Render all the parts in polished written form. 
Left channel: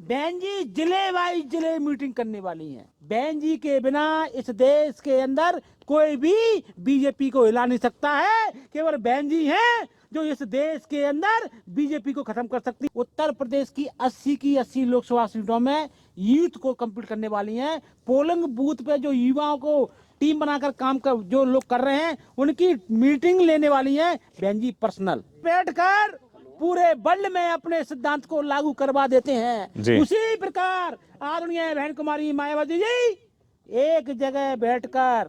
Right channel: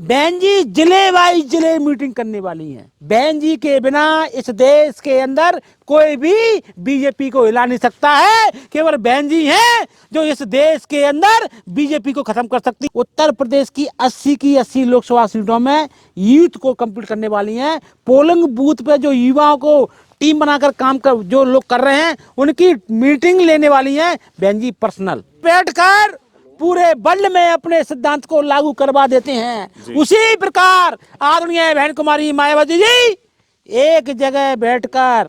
बहन जी जिले वाइज जिले मीटिंग करने वाली हैं। बहन जी के बिना इस देश के अंदर कोई भी बीजेपी को हिला नहीं सकता है। केवल बहन जी हैं जो इस देश के अंदर बीजेपी को खत्म कर सकती। उत्तर प्रदेश की 80 की 80 लोकसभा सीटों में यूथ को कंप्लीट करने वाली हैं। पोलिंग बूथ पे जो युवाओं को टीम बनाकर काम कर जो लोग कर रहे हैं उनकी मीटिंग लेने वाली हैं बहन जी पर्सनल बैठकर पूरे वर्ल्ड में अपने सिद्धांत को लागू करवा देते हैं। उसी प्रकार आदरणीय बहन कुमारी मायावती जी एक जगह बैठकर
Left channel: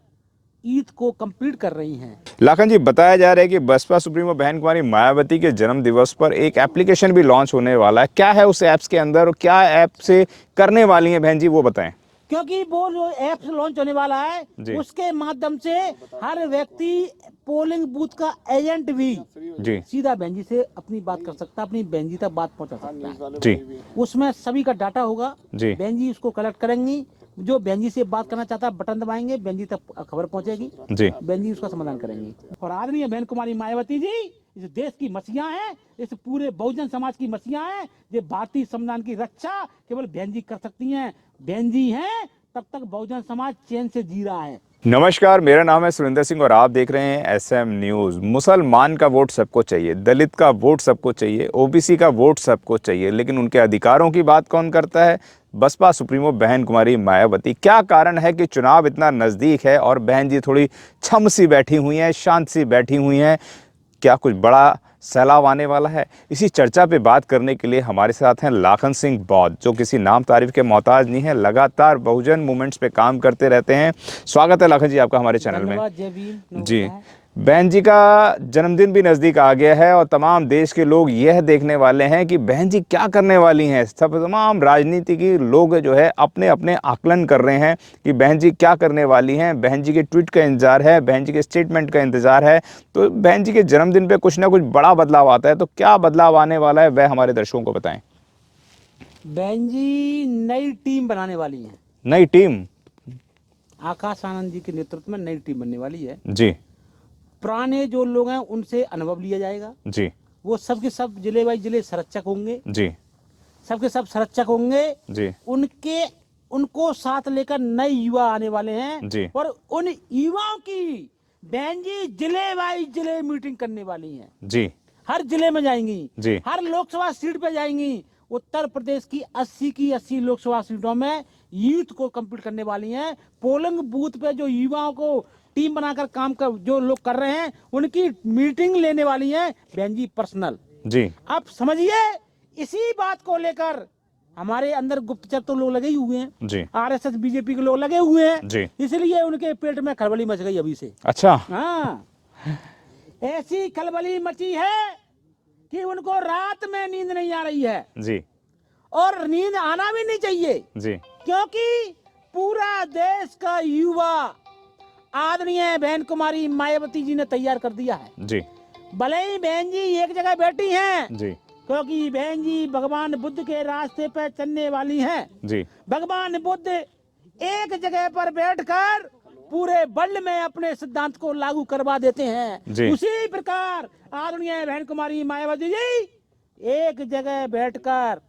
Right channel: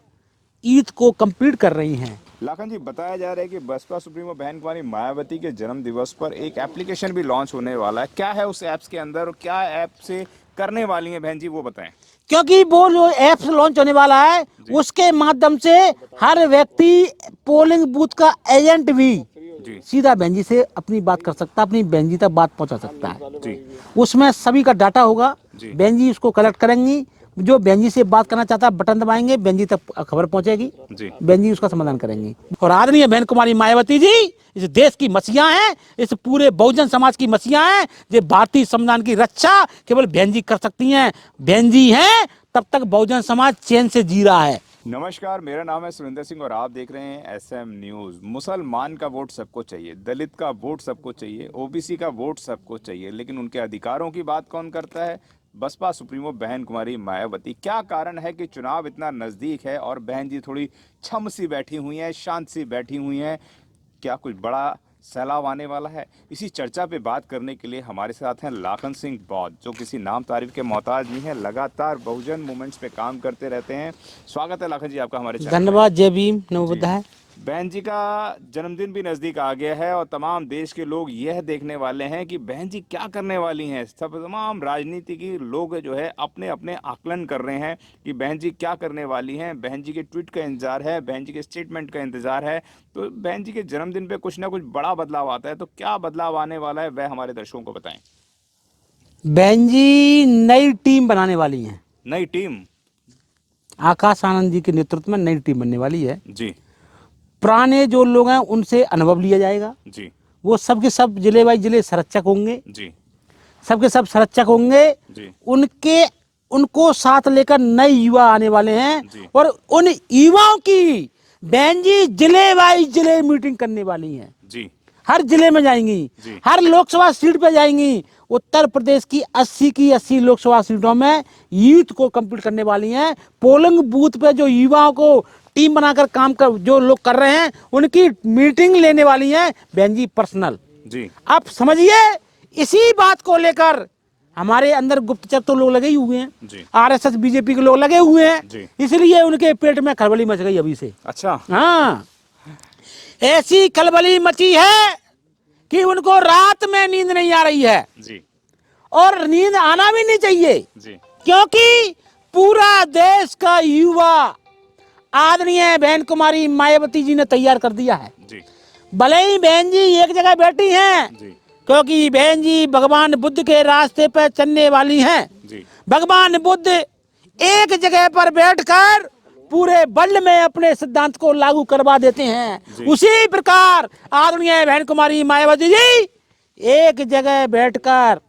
ईद को कंप्लीट कर रही हैं। लाखन जी, बताया जा रहा है कि बसपा सुप्रीमो बहन कुमारी मायावती के जन्म दिवस पर एक एप्लीकेशन भी लॉन्च होने वाला है। क्या है उस ऐप्स के अंदर और क्या ऐप से करने वाली हैं बहन जी, वो बताएं। क्योंकि वो जो ऐप्स लॉन्च होने वाला है उसके माध्यम से हर व्यक्ति पोलिंग बूथ का एजेंट भी जी सीधा बहन जी से अपनी बात कर सकता है, अपनी बहन जी तक बात पहुंचा सकता है जी। उसमें सभी का डाटा होगा जी। बहन जी उसको कलेक्ट करेंगी। जो बहन जी से बात करना चाहता है बटन दबाएंगे, बहन जी तक खबर पहुंचेगी जी। बहन जी उसका समाधान करेंगी। और आदरणीय बहन कुमारी मायावती जी इस देश की मसीहा हैं, इस पूरे बहुजन समाज की मसीहा हैं। जो भारतीय संविधान की रक्षा केवल बहन जी कर सकती हैं। बहन जी हैं तब तक बहुजन समाज चैन से जी रहा है। नमस्कार, मेरा नाम है सुरेंद्र सिंह और आप देख रहे हैं एसएम न्यूज़। मुसलमान का वोट सबको चाहिए, दलित का वोट सबको चाहिए, ओबीसी का वोट सबको चाहिए, लेकिन उनके अधिकारों की बात कौन करता है? बसपा सुप्रीमो बहन कुमारी मायावती। क्या कारण है कि चुनाव इतना नज़दीक है और बहन जी थोड़ी छम सी बैठी हुई हैं, शांत सी बैठी हुई हैं? क्या कुछ बड़ा सैलाब आने वाला है? इसी चर्चा पे बात करने के लिए हमारे साथ हैं लाखन सिंह बौद्ध, जो किसी नाम तारीफ के मोहताज नहीं है, लगातार बहुजन मूवमेंट्स पे काम करते रहते हैं। स्वागत है लाखन जी आपका हमारे चैनल में। धन्यवाद। जय भीम। जी। बहन जी का जन्मदिन भी नज़दीक आ गया है और तमाम देश के लोग यह देखने वाले हैं कि बहन जी क्या करने वाली हैं। सब तमाम राजनीति के लोग जो है अपने अपने आकलन कर रहे हैं कि बहन जी क्या करने वाली हैं। बहन जी के ट्वीट का इंतजार है, बहन जी के स्टेटमेंट का इंतजार है। तो बहन जी के जन्मदिन पे कुछ ना कुछ बड़ा बदलाव आता है, तो क्या बदलाव आने वाला है वह हमारे दर्शकों को बताएं। बहन जी नई टीम बनाने वाली हैं। नई टीम? आकाश आनंद जी के नेतृत्व में नई टीम बनने वाली है जी। पुराने जो लोग हैं उनसे अनुभव लिया जाएगा। जी। वो सबके सब जिले बाई जिले संरक्षक होंगे। जी। सबके सब संरक्षक होंगे। जी। उनको साथ लेकर नए युवा आने वाले हैं जी। और उन युवाओं की बहन जी जिले बाई जिले मीटिंग करने वाली हैं। जी। हर जिले में जाएंगी। जी। हर लोकसभा सीट पे जाएंगी। उत्तर प्रदेश की 80 की 80 लोकसभा सीटों में यूथ को कंप्लीट करने वाली हैं। पोलिंग बूथ पे जो युवाओं को टीम बनाकर काम कर जो लोग कर रहे हैं उनकी मीटिंग लेने वाली हैं बहन जी पर्सनल। जी। आप समझिए इसी बात को लेकर हमारे अंदर गुप्तचर तो लोग लगे ही हुए हैं। जी। आरएसएस बीजेपी के लोग लगे हुए हैं। जी। इसलिए उनके पेट में खलबली मच गई अभी से। अच्छा। हाँ, ऐसी खलबली मची है कि उनको रात में नींद नहीं आ रही है। जी। और नींद आना भी नहीं चाहिए। जी। क्योंकि पूरा देश का युवा आदरणीय बहन कुमारी मायावती जी ने तैयार कर दिया है। जी। भले ही बहन जी एक जगह बैठी हैं जी। क्योंकि बहन जी भगवान बुद्ध के रास्ते पर चलने वाली हैं। जी। भगवान बुद्ध एक जगह पर बैठकर पूरे वर्ल्ड में अपने सिद्धांत को लागू करवा देते हैं। उसी प्रकार आदरणीय बहन कुमारी मायावती जी एक जगह बैठकर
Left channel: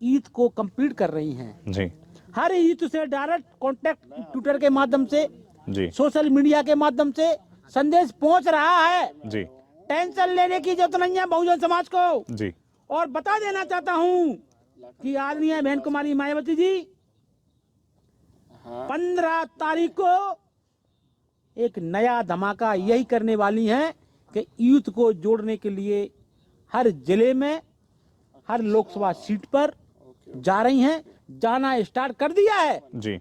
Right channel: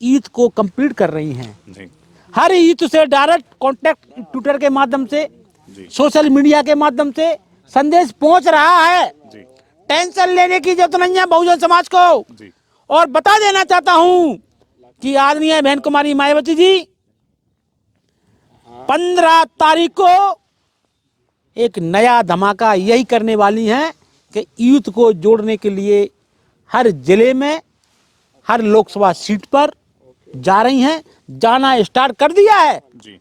ईद को कंप्लीट कर रही हैं। जी। हर ईद से डायरेक्ट कांटेक्ट ट्विटर के माध्यम से, जी। सोशल मीडिया के माध्यम से संदेश पहुंच रहा है। जी। टेंशन लेने की जरूरत नहीं है बहुजन समाज को। जी। और बता देना चाहता हूं कि आदरणीय बहन कुमारी मायावती जी 15 तारीख को एक नया धमाका यही करने वाली हैं कि यूथ को जोड़ने के लिए हर जिले में हर लोकसभा सीट पर जा रही हैं। जाना स्टार्ट कर दिया है। जी।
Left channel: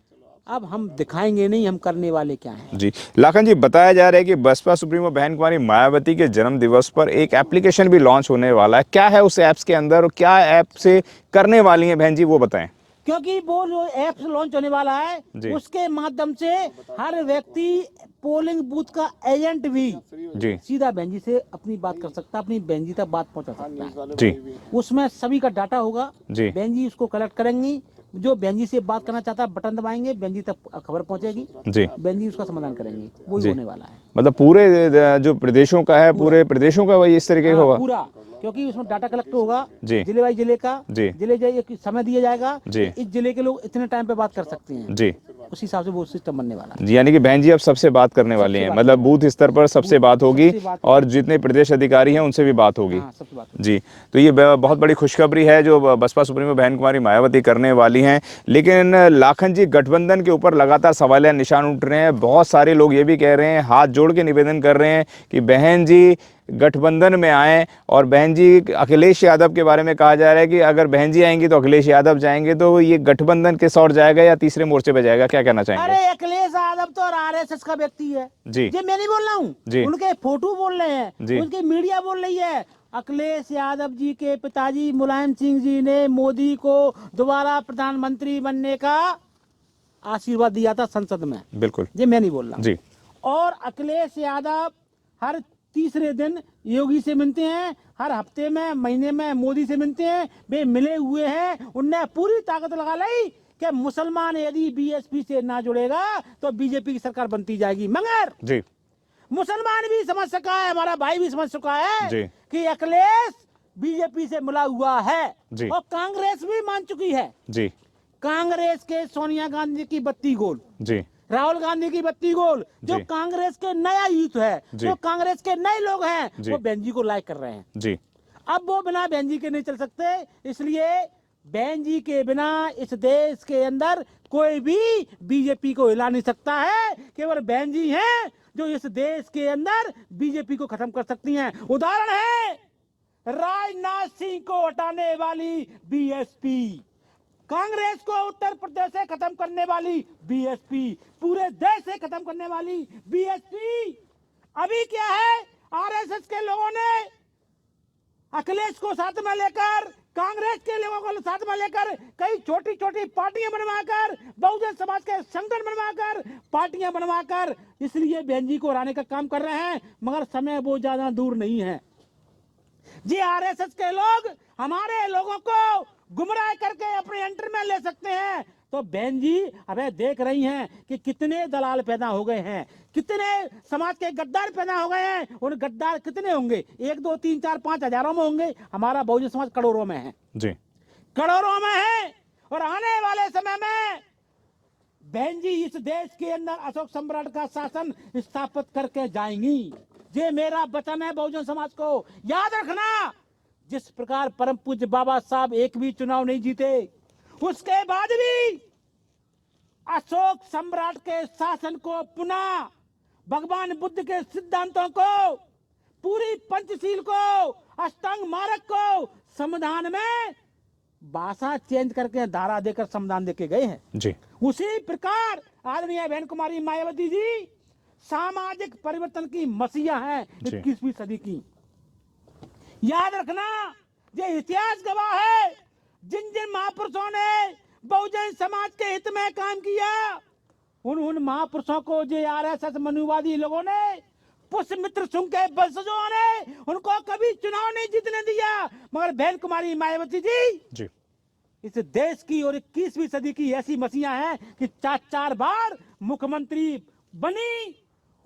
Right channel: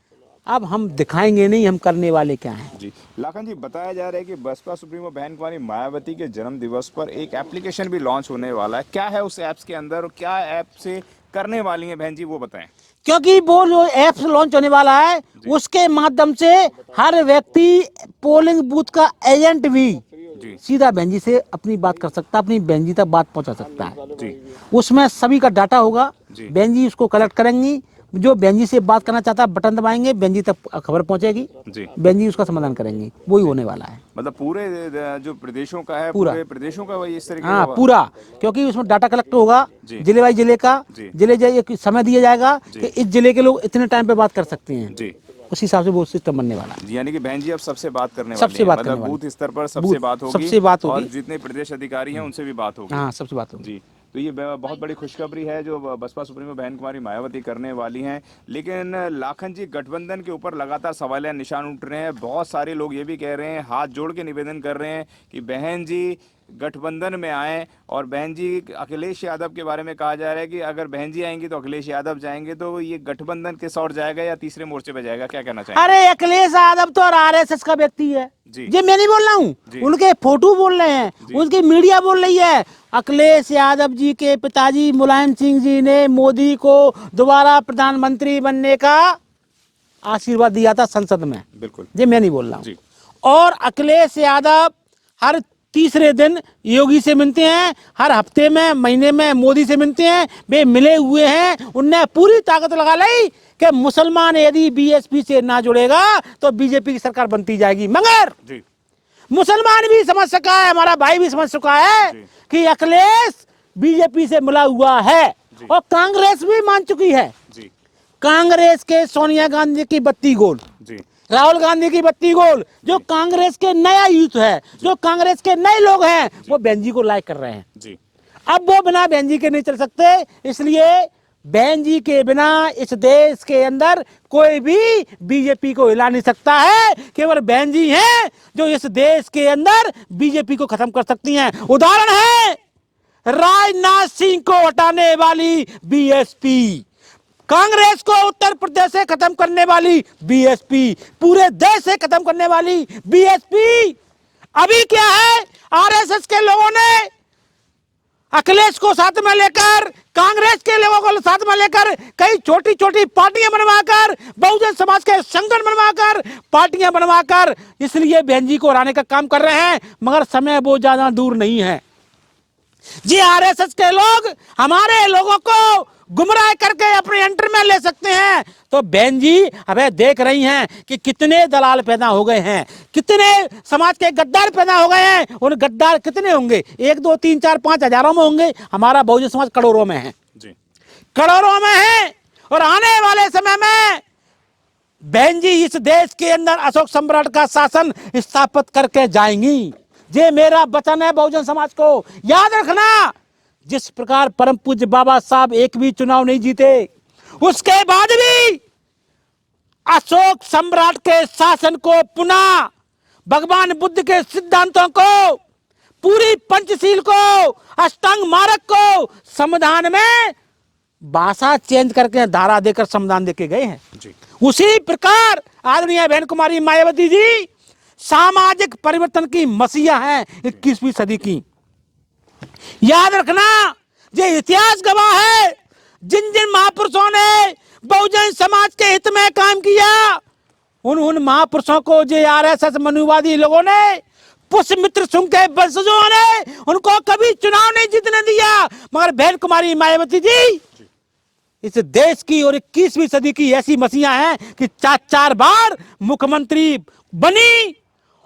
अब हम दिखाएंगे नहीं हम करने वाले क्या हैं। जी। लाखन जी, बताया जा रहा है कि बसपा सुप्रीमो बहन कुमारी मायावती के जन्म दिवस पर एक एप्लीकेशन भी लॉन्च होने वाला है। क्या है उस ऐप्स के अंदर और क्या ऐप से करने वाली हैं बहन जी, वो बताएं। क्योंकि वो जो ऐप्स लॉन्च होने वाला है उसके माध्यम से हर व्यक्ति पोलिंग बूथ का एजेंट भी जी सीधा बहन जी से अपनी बात कर सकता है, अपनी बहन जी तक बात पहुंचा सकता है। जी। उसमें सभी का डाटा होगा। जी। बहन जी उसको कलेक्ट करेंगी। जो बहन जी से बात करना चाहता है बटन दबाएंगे, बहन जी तक खबर पहुंचेगी जी। बहन जी उसका समाधान करेंगी, वही होने वाला है। मतलब पूरे जो प्रदेशों का है, पूरे प्रदेशों का वही इस तरीके का हाँ होगा। पूरा, क्योंकि उसमें डाटा कलेक्ट होगा जी। जिले वाइज जिले का, जी। जिले एक समय दिया जाएगा जी। कि इस जिले के लोग इतने टाइम पे बात कर सकते हैं, जी। उस हिसाब से वो सिस्टम बनने वाला है। यानी कि बहन जी अब सबसे बात करने वाली सबसे हैं, बात मतलब करने बूथ स्तर पर सबसे बूथ- बात होगी, सबसे बात और होगी। जितने प्रदेश अधिकारी हैं उनसे भी बात होगी। हाँ सबसे बात होगी। जी। तो ये बहुत बड़ी खुशखबरी है जो बसपा सुप्रीमो बहन कुमारी मायावती करने वाली हैं। लेकिन लाखन जी, गठबंधन के ऊपर लगातार सवालिया निशान उठ रहे हैं। बहुत सारे लोग ये भी कह रहे हैं, हाथ जोड़ के निवेदन कर रहे हैं कि बहन जी गठबंधन में आए, और बहन जी अखिलेश यादव के बारे में कहा जा रहा है कि अगर बहन जी आएंगी तो अखिलेश यादव जाएंगे, तो ये गठबंधन किस ओर जाएगा या तीसरे मोर्चे पे जाएगा, क्या कहना चाहेंगे? अरे अखिलेश यादव तो आरएसएस का व्यक्ति है जी। ये मैं नहीं बोल रहा जी। हूँ, उनके फोटो बोल रहे हैं, जी। उसकी मीडिया बोल रही है। अखिलेश यादव जी के पिताजी मुलायम सिंह जी ने मोदी को दोबारा प्रधानमंत्री बनने का आशीर्वाद दिया था संसद में, बिल्कुल। ये मैं नहीं बोल रहा हूँ। जी। और अखिलेश यादव हर तीसरे दिन योगी से मिलते हैं, हर हफ्ते में महीने में मोदी से मिलते हैं, वे मिले हुए हैं। उनने पूरी ताकत लगा ली कि मुसलमान यदि बीएसपी से ना जुड़ेगा तो बीजेपी की सरकार बनती जाएगी। मगर जी। मुसलमान भी समझ सका है, हमारा भाई भी समझ चुका है जी। कि अखिलेश बीजेपी से मिला हुआ है, जी। और कांग्रेस भी मान चुकी है। जी। कांग्रेस के सोनिया गांधी की बत्ती गोल, जी। राहुल गांधी की बत्ती गोल, जो जी। कांग्रेस के नया यूथ है, जो कांग्रेस के नए लोग हैं, जी। वो बहन जी को लाइक कर रहे हैं। जी। अब वो बिना बहन जी के नहीं चल सकते, इसलिए बहन जी के बिना इस देश के अंदर कोई भी बीजेपी को हिला नहीं सकता है। केवल बहन जी हैं जो इस देश के अंदर बीजेपी को खत्म कर सकती हैं। उदाहरण है राजनाथ सिंह को हटाने वाली बीएसपी, कांग्रेस को उत्तर प्रदेश से खत्म करने वाली बीएसपी, पूरे देश से खत्म करने वाली बीएसपी। अभी क्या है, आरएसएस के लोगों ने अखिलेश को साथ में लेकर, कांग्रेस के लोगों को साथ में लेकर कई छोटी छोटी पार्टियां बनवाकर, बहुजन समाज के संगठन बनवाकर, पार्टियां बनवाकर इसलिए बहन जी को हराने का काम कर रहे हैं। मगर समय वो ज्यादा दूर नहीं है। जी आरएसएस के लोग हमारे लोगों को गुमराह करके अपने एंटर में ले सकते हैं, तो बहन जी अबे देख रही हैं कि कितने दलाल पैदा हो गए हैं, कितने समाज के गद्दार पैदा हो गए हैं। उन गद्दार कितने होंगे, 1 2 3 4 5 हजारों में होंगे, हमारा बहुजन समाज करोड़ों में है। जी। करोड़ों में है। और आने वाले समय में बहन जी इस देश के अंदर अशोक सम्राट का शासन स्थापित करके जाएंगी। ये मेरा वचन है बहुजन समाज को। याद रखना, जिस प्रकार परम पूज्य बाबा साहब एक भी चुनाव नहीं जीते, उसके बाद भी अशोक सम्राट के शासन को पुनः, भगवान बुद्ध के सिद्धांतों को, पूरी पंचशील को, अष्टांग मार्ग को संविधान में भाषा चेंज करके धारा देकर संविधान देके गए हैं। जी। उसी प्रकार आदरणीय बहन कुमारी मायावती जी सामाजिक परिवर्तन की मसीहा है 21वीं सदी की। याद रखना, ये इतिहास गवाह है, जिन जिन महापुरुषों ने बहुजन समाज के हित में काम किया, उन महापुरुषों को जो आरएसएस मनुवादी लोगों ने, पुष्यमित्र सिंह के वंशजों ने उनको कभी चुनाव नहीं जीतने दिया। मगर बहन कुमारी मायावती जी इस देश की और 21वीं सदी की ऐसी मसीहा हैं कि 4 बार मुख्यमंत्री बनी,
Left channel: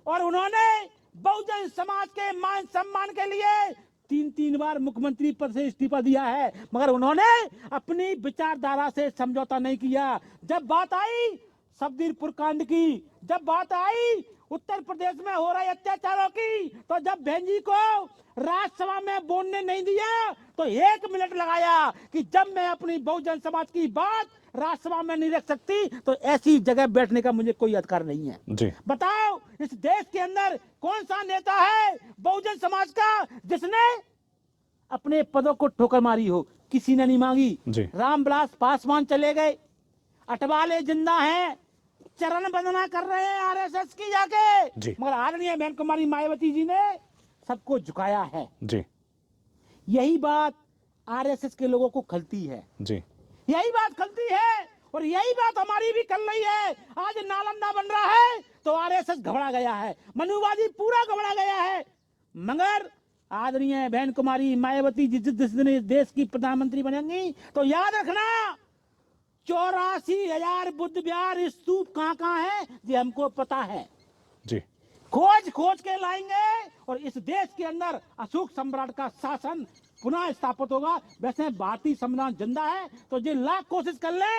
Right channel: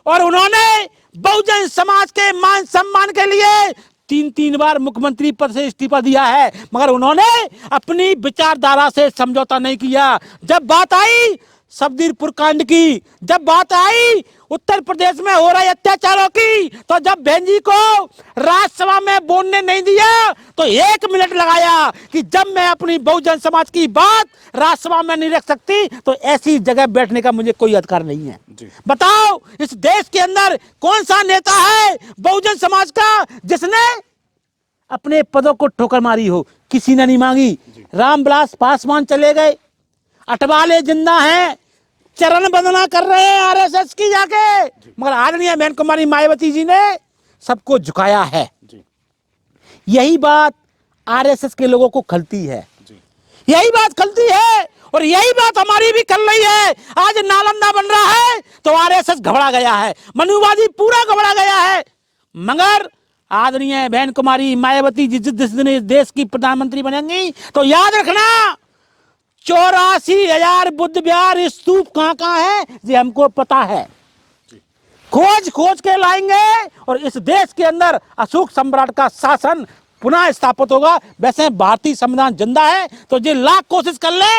और उन्होंने बहुजन समाज के मान सम्मान के लिए 3 बार मुख्यमंत्री पद से इस्तीफा दिया है। मगर उन्होंने अपनी विचारधारा से समझौता नहीं किया। जब बात आई सबदीरपुर कांड की, जब बात आई उत्तर प्रदेश में हो रहे अत्याचारों की, तो जब बहन जी को राज्यसभा में बोलने नहीं दिया तो 1 मिनट लगाया कि जब मैं अपनी बहुजन समाज की बात राज्यसभा में नहीं रख सकती तो ऐसी जगह बैठने का मुझे कोई अधिकार नहीं है। जी। बताओ इस देश के अंदर कौन सा नेता है बहुजन समाज का जिसने अपने पदों को ठोकर मारी हो? किसी ने नहीं मांगी। रामविलास पासवान चले गए, अटवाले जिंदा हैं, चरण वंदना कर रहे हैं आरएसएस की जाके, मगर आदरणीय बहन कुमारी मायावती जी ने सबको झुकाया है। जी। यही बात आरएसएस के लोगों को खलती है। जी। यही बात खलती है, और यही बात हमारी भी खल रही है। आज नालंदा बन रहा है तो आरएसएस घबरा गया है, मनुवादी पूरा घबरा गया है। मगर आदरणीय बहन कुमारी मायावती जी जिस दिन इस देश की प्रधानमंत्री बनेंगी तो याद रखना, 84,000 बुद्ध विहार स्तूप कहां कहां है ये हमको पता है। जी खोज खोज के लाएंगे और इस देश के अंदर अशोक सम्राट का शासन पुनः स्थापित होगा। वैसे भारतीय संविधान जिंदा है तो ये लाख कोशिश कर ले,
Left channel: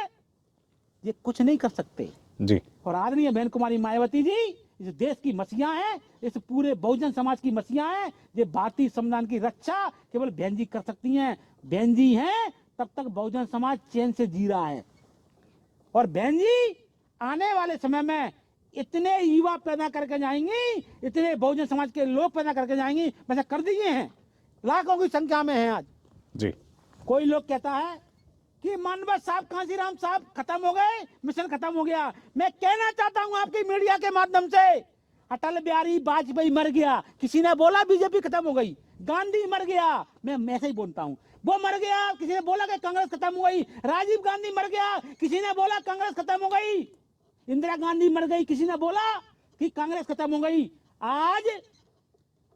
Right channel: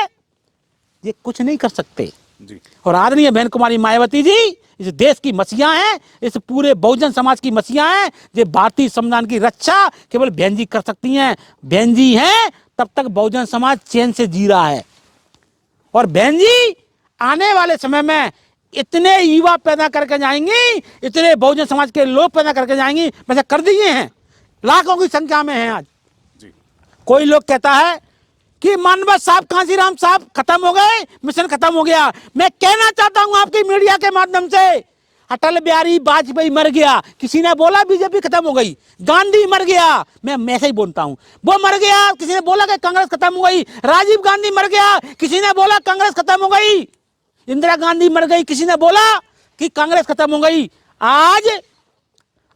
ये कुछ नहीं कर सकते जी। और आदरणीय बहन कुमारी मायावती जी इस देश की मसीहा हैं, इस पूरे बहुजन समाज की मसीहा हैं। ये भारतीय संविधान की रक्षा केवल बहन जी कर सकती हैं। बहन जी हैं तब तक बहुजन समाज चैन से जी रहा है। और बहन जी आने वाले समय में इतने युवा पैदा करके जाएंगी, इतने बहुजन समाज के लोग पैदा करके जाएंगी, वैसे कर दिए हैं, लाखों की संख्या में हैं आज जी। कोई लोग कहता है कि मानवत साहब, कांशीराम साहब खत्म हो गए, मिशन खत्म हो गया। मैं कहना चाहता हूं आपकी मीडिया के माध्यम से, अटल बिहारी वाजपेयी मर गया, किसी ने बोला बीजेपी खत्म हो गई। गांधी मर गया, मैं ऐसे ही बोलता हूं, वो मर गया, किसी ने बोला कि कांग्रेस खत्म हो गई। राजीव गांधी मर गया, किसी ने बोला कांग्रेस खत्म हो गई। इंदिरा गांधी मर गई, किसी ने बोला कि कांग्रेस खत्म हो गई। आज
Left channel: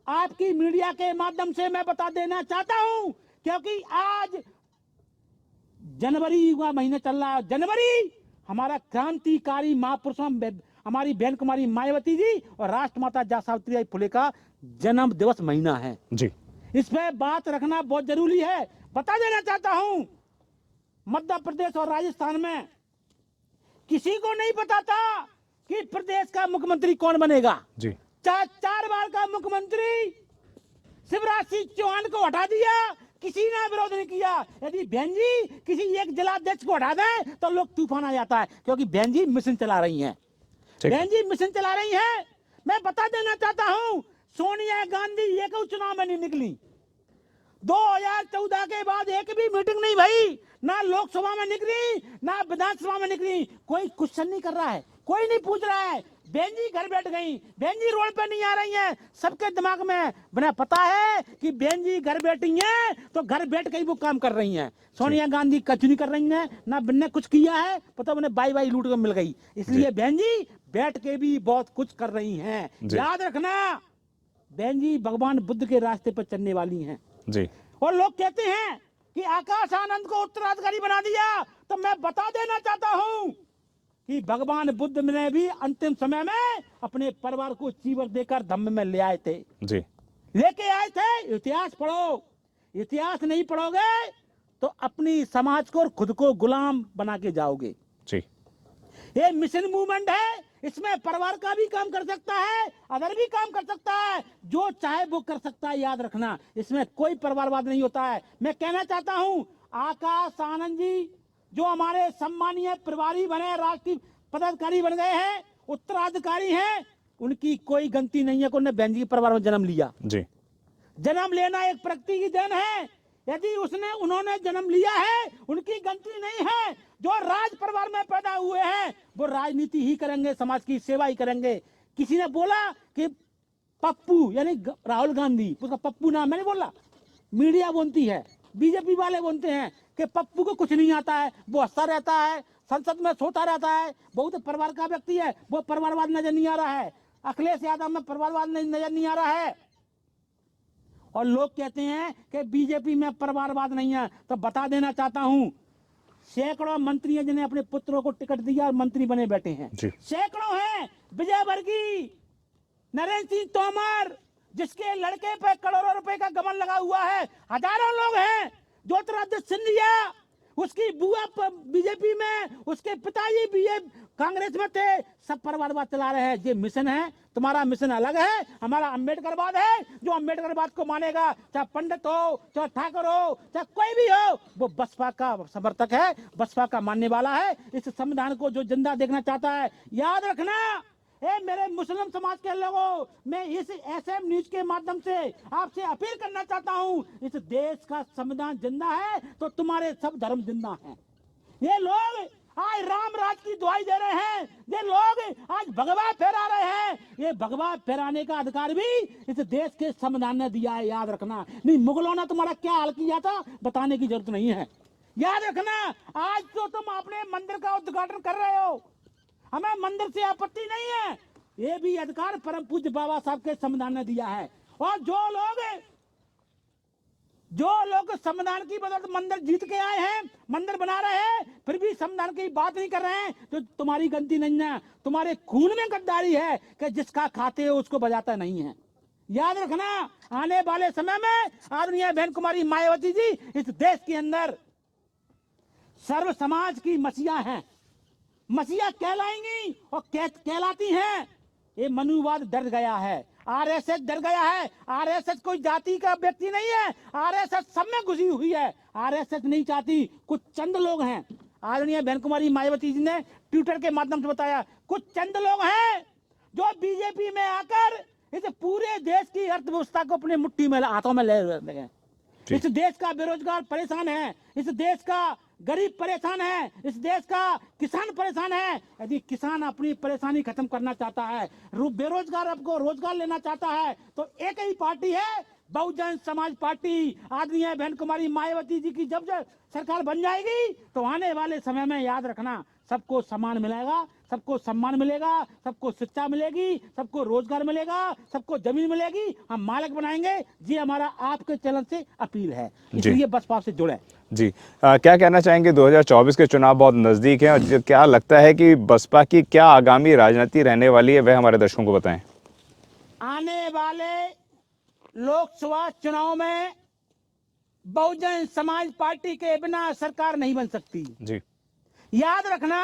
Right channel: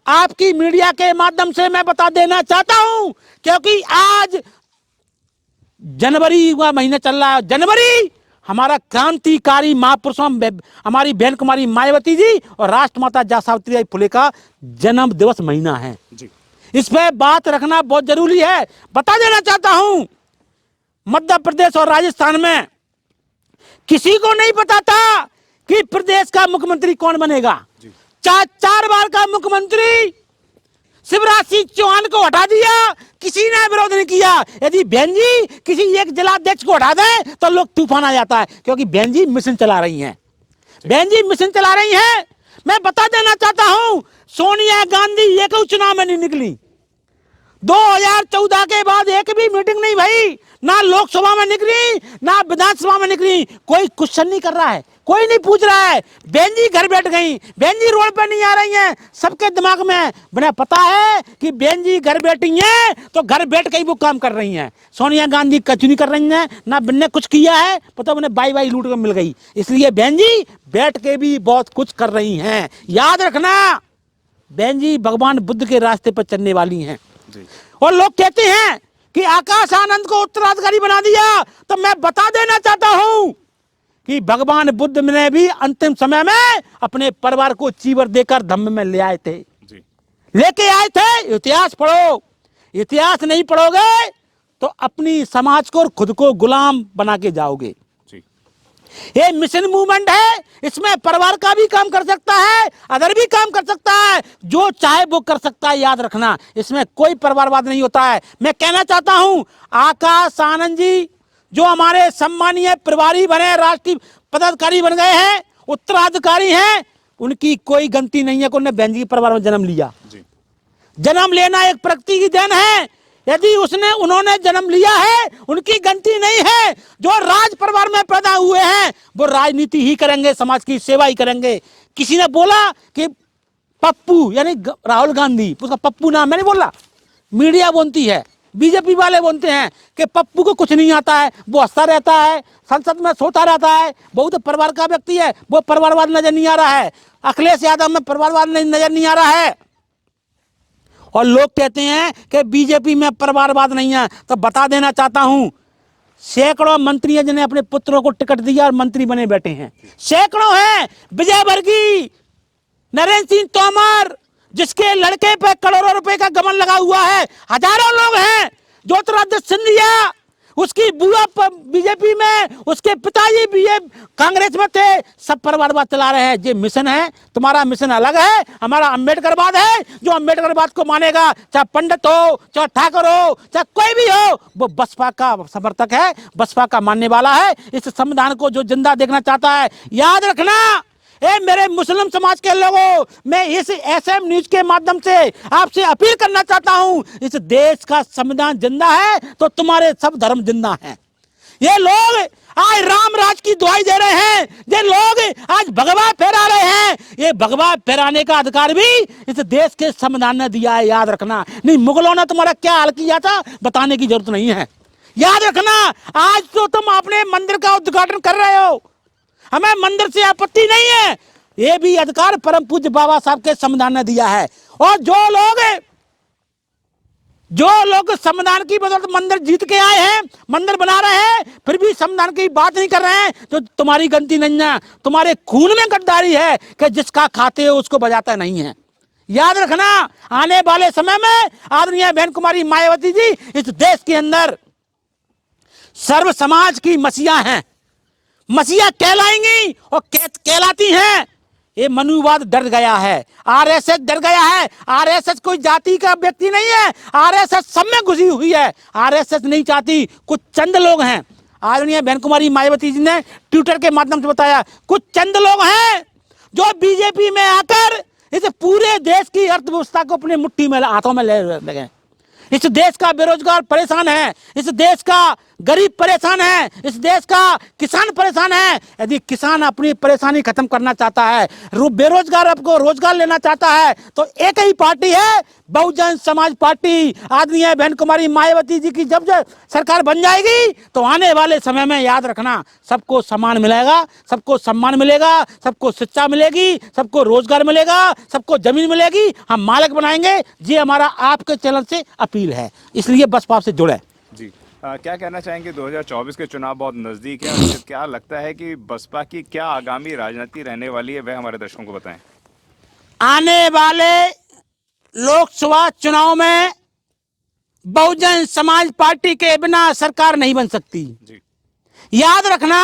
आपकी मीडिया के माध्यम से मैं बता देना चाहता हूं, क्योंकि आज जनवरी का महीना चल रहा है। जनवरी हमारा क्रांतिकारी महापुरुषों हमारी बहन कुमारी मायावती जी और राष्ट्रमाता जय सावित्रीबाई फुले का जन्म दिवस महीना है जी। इस पे बात रखना बहुत जरूरी है। बता देना चाहता हूं, मध्य प्रदेश और राजस्थान में किसी को नहीं पता था कि प्रदेश का मुख्यमंत्री कौन बनेगा। जी। चार बार का मुख्यमंत्री शिवराज सिंह चौहान को हटा दिया, किसी ने विरोध नहीं किया। यदि बहन जी किसी एक जिलाध्यक्ष को हटा दे तो लोग तूफान आ जाता है, क्योंकि बहन जी मिशन चला रही हैं। बहन जी मिशन चला रही हैं। मैं बता देना चाहता हूं, सोनिया गांधी एक चुनाव में नहीं निकली, 2014 के बाद एक भी मीटिंग नहीं भई, ना लोकसभा में निकली ना विधानसभा में निकली। कोई क्वेश्चन नहीं कर रहा है, कोई नहीं पूछ रहा है। बहन जी घर बैठ गई, बहन जी रोड पर नहीं आ रही हैं। सबके दिमाग में बना पता है कि बहन जी घर बैठी हैं तो घर बैठ के ही वो काम कर रही हैं। सोनिया गांधी कुछ नहीं कर रही हैं, ना ने कुछ किया है, पता उन्हें बाई लूट कर मिल गई। इसलिए बहन जी बैठ के भी बहुत कुछ कर रही हैं। याद रखना, बहन जी भगवान बुद्ध के रास्ते पर चलने वाली हैं जी। और लोग कहते हैं कि आकाश आनंद को उत्तराधिकारी बना दिया, तो मैं बता देना चाहता हूं कि भगवान बुद्ध ने भी अंतिम समय में अपने परिवार को चीवर देकर धम्म में ले आए थे जी। लेके आए थे। इतिहास पढ़ो, इतिहास नहीं पढ़ोगे तो अपनी समाज को और खुद को गुलाम बना के जाओगे। जी। ये मिशन मूवमेंट है, इसमें परिवार का भी काम कर सकता है, अदर भी काम कर सकता है, जो चाहे वो कर सकता है। याद रखना, इसमें कोई परिवारवाद नहीं होता है। मैं कहना चाहता हूं, आकाश आनंद जी जो हमारे सम्मानीय प्रभारी बने, राष्ट्रीय पदाधिकारी बन गए हैं, उत्तराधिकारी हैं, उनकी कोई गलती नहीं है कि उन्होंने बहन जी के परिवार में जन्म लिया। जी। जन्म लेना एक प्रकृति की देन है। यदि उन्होंने जन्म लिया है, उनकी गलती नहीं है। जो राज परिवार में पैदा हुए हैं वो राजनीति ही करेंगे, समाज की सेवा ही करेंगे। किसी ने बोला कि पप्पू यानी राहुल गांधी, उसका पप्पू नाम मैंने बोला, मीडिया बोलती है, बीजेपी वाले बोलते हैं कि पप्पू को कुछ नहीं आता है, वो हंसता रहता है, संसद में सोता रहता है, बहुत परिवार का व्यक्ति है, वो परिवारवाद नजर नहीं आ रहा है। अखिलेश यादव में परिवारवाद नजर नहीं आ रहा है। और लोग कहते हैं कि बीजेपी में परिवारवाद नहीं है, तो बता देना चाहता हूं, सैकड़ों मंत्री हैं जिन्हें अपने पुत्रों को टिकट दिया और मंत्री बने बैठे हैं। सैकड़ों हैं। विजय वर्गीय, नरेंद्र सिंह तोमर, जिसके लड़के पे करोड़ों रुपए का गबन लगा हुआ है, हजारों लोग हैं। ज्योतिरादित्य सिंधिया, उसकी बुआ बीजेपी में, उसके पिताजी भी कांग्रेस में थे, सब परिवारवाद चला रहे हैं। ये मिशन है, तुम्हारा मिशन अलग है, हमारा अम्बेडकरवाद है। जो अम्बेडकरवाद को मानेगा, चाहे पंडित हो, चाहे ठाकुर हो, चाहे कोई भी हो, वो बसपा का समर्थक है, बसपा का मानने वाला है। इस संविधान को जो जिंदा देखना चाहता है, याद रखना, मेरे मुस्लिम समाज के लोगों, मैं इस एसएम न्यूज के माध्यम से आपसे अपील करना चाहता हूं, इस देश का संविधान जिंदा है तो तुम्हारे सब धर्म जिंदा हैं। ये लोग आज राम राज की दुहाई दे रहे हैं, ये लोग आज भगवा फहरा रहे हैं। ये भगवा फहराने का अधिकार भी इस देश के संविधान ने दिया है, याद रखना। नहीं, मुगलों ने तुम्हारा क्या हाल किया था बताने की जरूरत नहीं है। याद रखना, आज तो तुम अपने मंदिर का उद्घाटन कर रहे हो, हमें मंदिर से आपत्ति नहीं है, ये भी अधिकार परम पूज्य बाबा साहब के संविधान ने दिया है। और जो लोग जो लोग संविधान की बदौलत मंदिर जीत के आए हैं, मंदिर बना रहे हैं, फिर भी संविधान की बात नहीं कर रहे हैं, तो तुम्हारी गलती नहीं है, तुम्हारे खून में गद्दारी है कि जिसका खाते हो उसको बजाता नहीं है। याद रखना, आने वाले समय में आदरणीय बहन कुमारी मायावती जी इस देश के अंदर सर्व समाज की मसीहा हैं, मसीहा कहलाएंगी और कहलाती हैं। ये मनुवाद डर गया है, आरएसएस डर गया है। आरएसएस कोई जाति का व्यक्ति नहीं है, आरएसएस सब में घुसी हुई है। आरएसएस नहीं चाहती, कुछ चंद लोग हैं। आदरणीय बहन कुमारी मायावती जी ने ट्विटर के माध्यम से बताया, कुछ चंद लोग हैं जो बीजेपी में आकर इस पूरे देश की अर्थव्यवस्था को अपने मुट्ठी में हाथों में ले लगे। इस देश का बेरोजगार परेशान है, इस देश का गरीब परेशान है, इस देश का किसान परेशान है। यदि किसान अपनी परेशानी खत्म करना चाहता है, बेरोजगार आपको रोजगार लेना चाहता है, तो एक ही पार्टी है, बहुजन समाज पार्टी। आदरणीय बहन कुमारी मायावती जी की जब सरकार बन जाएगी तो आने वाले समय में याद रखना, सबको सम्मान मिलेगा, सबको सम्मान मिलेगा, सबको शिक्षा मिलेगी, सबको रोजगार मिलेगा, सबको जमीन मिलेगी, हम मालिक बनाएंगे। ये हमारा आपके चैनल से अपील है, इसलिए बसपा से जुड़े जी। क्या कहना चाहेंगे, 2024 के चुनाव बहुत नज़दीक है और क्या लगता है कि बसपा की क्या आगामी राजनीति रहने वाली है, वह हमारे दर्शकों को बताएं। आने वाले लोकसभा चुनाव में बहुजन समाज पार्टी के बिना सरकार नहीं बन सकती जी। याद रखना,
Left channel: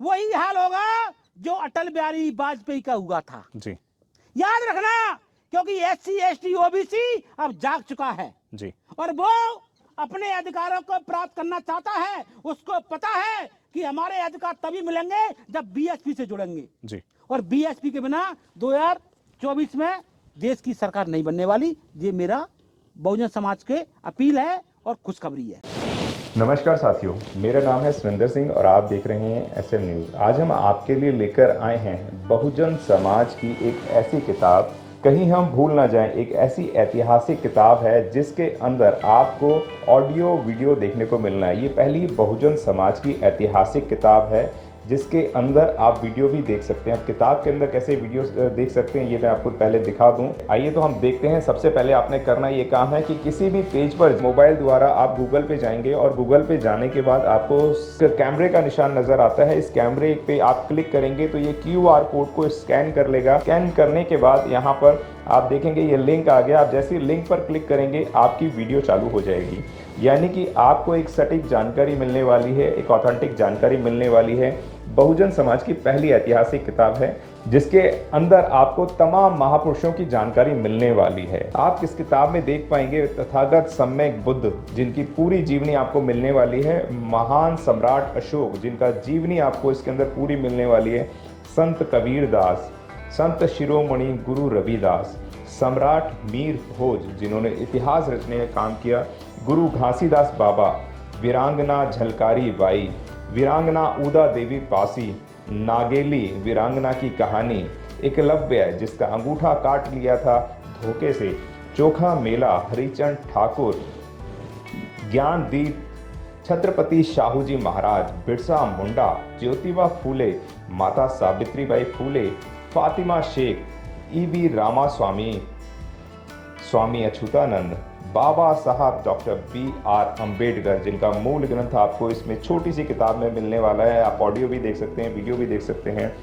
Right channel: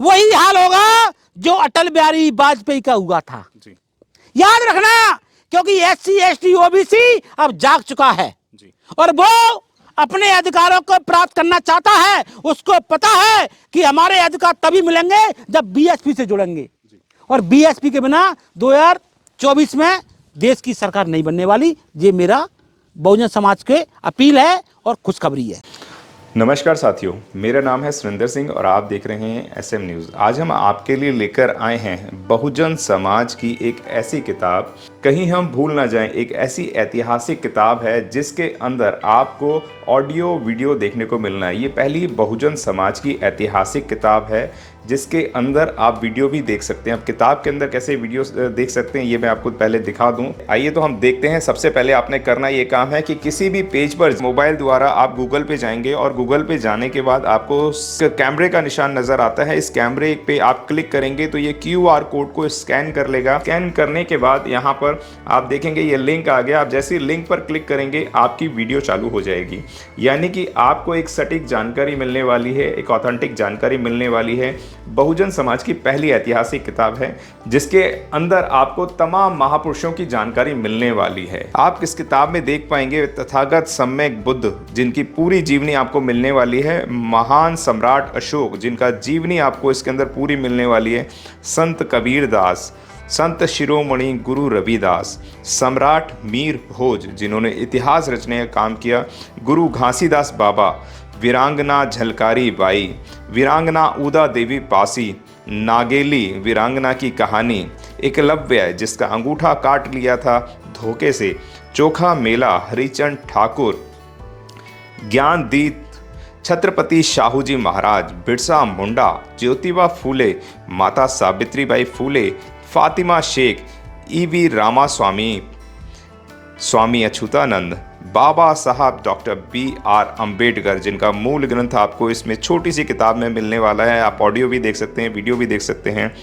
वही हाल होगा जो अटल बिहारी वाजपेयी का हुआ था जी। याद रखना, क्योंकि SC ST OBC अब जाग चुका है जी। और वो अपने अधिकारों को प्राप्त करना चाहता है। उसको पता है कि हमारे अधिकार तभी मिलेंगे जब BSP से जुड़ेंगे जी। और BSP के बिना 2024 में देश की सरकार नहीं बनने वाली। ये मेरा बहुजन समाज के अपील है और खुशखबरी है। नमस्कार साथियों, मेरा नाम है सुरेंद्र सिंह और आप देख रहे हैं SM न्यूज़। आज हम आपके लिए लेकर आए हैं बहुजन समाज की एक ऐसी किताब, कहीं हम भूल ना जाएं, एक ऐसी ऐतिहासिक किताब है जिसके अंदर आपको ऑडियो वीडियो देखने को मिलना है। ये पहली बहुजन समाज की ऐतिहासिक किताब है जिसके अंदर आप वीडियो भी देख सकते हैं। अब किताब के अंदर कैसे वीडियो देख सकते हैं ये मैं आपको पहले दिखा दूं। आइए तो हम देखते हैं। सबसे पहले आपने करना ये काम है कि किसी भी पेज पर मोबाइल द्वारा आप गूगल पे जाएंगे और गूगल पे जाने के बाद आपको कैमरे का निशान नजर आता है। इस कैमरे पे आप क्लिक करेंगे तो ये QR कोड को स्कैन कर लेगा। स्कैन करने के बाद यहाँ पर आप देखेंगे ये लिंक आ गया। आप जैसे लिंक पर क्लिक करेंगे आपकी वीडियो चालू हो जाएगी, यानी कि आपको एक सटीक जानकारी मिलने वाली है, एक ऑथेंटिक जानकारी मिलने वाली है। बहुजन समाज की पहली ऐतिहासिक किताब है जिसके अंदर आपको तमाम महापुरुषों की जानकारी मिलने वाली है। आप इस किताब में देख पाएंगे तथागत सम्यक बुद्ध जिनकी पूरी जीवनी आपको मिलने वाली है, महान सम्राट अशोक जिनका जीवनी आपको इसके अंदर पूरी मिलने वाली है, संत कबीर दास, संत शिरोमणि गुरु रविदास, सम्राट मीर भोज जिन्होंने इतिहास रचने का काम किया, गुरु घासीदास बाबा, वीरांगना झलकारी बाई, वीरांगना उदा देवी पासी, नागेली वीरांगना की कहानी, एकलव्य जिसका अंगूठा काट लिया था धोखे से, चोखा मेला हरिचंद ठाकुर, ज्ञानदीप छत्रपति शाहूजी महाराज, बिरसा मुंडा, ज्योतिबा फूले, माता सावित्रीबाई फूले, फातिमा शेख, EV रामास्वामी, स्वामी अच्युतानंद, बाबा साहब डॉक्टर BR अम्बेडकर जिनका मूल ग्रंथ आपको इसमें छोटी सी किताब में मिलने वाला है। आप ऑडियो भी देख सकते हैं, वीडियो भी देख सकते हैं।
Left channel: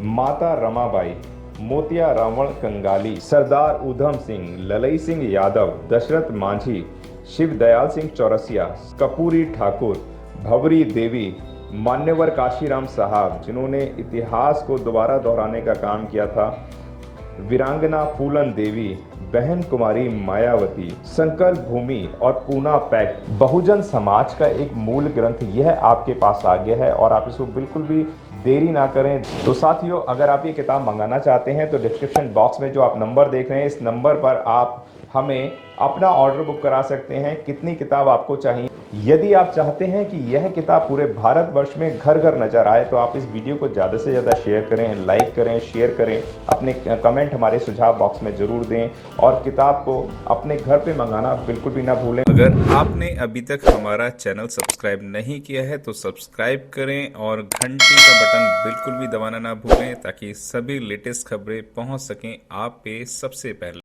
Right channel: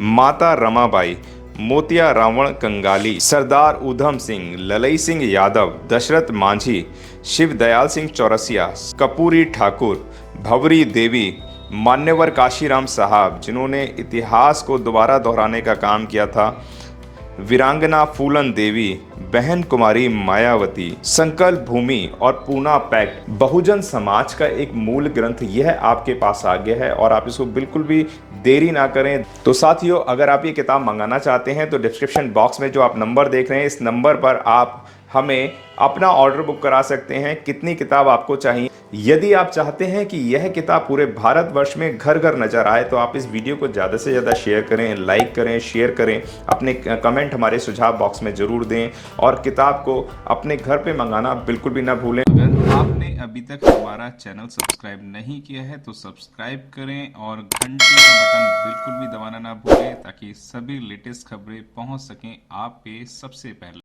माता रमाबाई, मोतिया रावण कंगाली, सरदार उधम सिंह, ललई सिंह यादव, दशरथ मांझी, शिव दयाल सिंह चौरसिया, कपूरी ठाकुर, भवरी देवी, मान्यवर काशीराम साहब जिन्होंने इतिहास को दोबारा दोहराने का काम किया था, वीरांगना फूलन देवी, बहन कुमारी मायावती, संकल्प भूमि और पूना पैक्ट। बहुजन समाज का एक मूल ग्रंथ यह आपके पास आ गया है और आप इसको बिल्कुल भी देरी ना करें। तो साथियों, अगर आप ये किताब मंगाना चाहते हैं तो डिस्क्रिप्शन बॉक्स में जो आप नंबर देख रहे हैं इस नंबर पर आप हमें अपना ऑर्डर बुक करा सकते हैं। कितनी किताब आपको चाहिए? यदि आप चाहते हैं कि यह किताब पूरे भारतवर्ष में घर घर नजर आए तो आप इस वीडियो को ज़्यादा से ज़्यादा शेयर करें, लाइक करें, शेयर करें, अपने कमेंट हमारे सुझाव बॉक्स में ज़रूर दें और किताब को अपने घर पे मंगाना बिल्कुल भी ना भूलें। अगर आपने अभी तक हमारा चैनल सब्सक्राइब नहीं किया है तो सब्सक्राइब करें और घंटी का बटन बिल्कुल भी दबाना ना भूलें ताकि सभी लेटेस्ट खबरें पहुंच सकें आप पे सबसे पहले।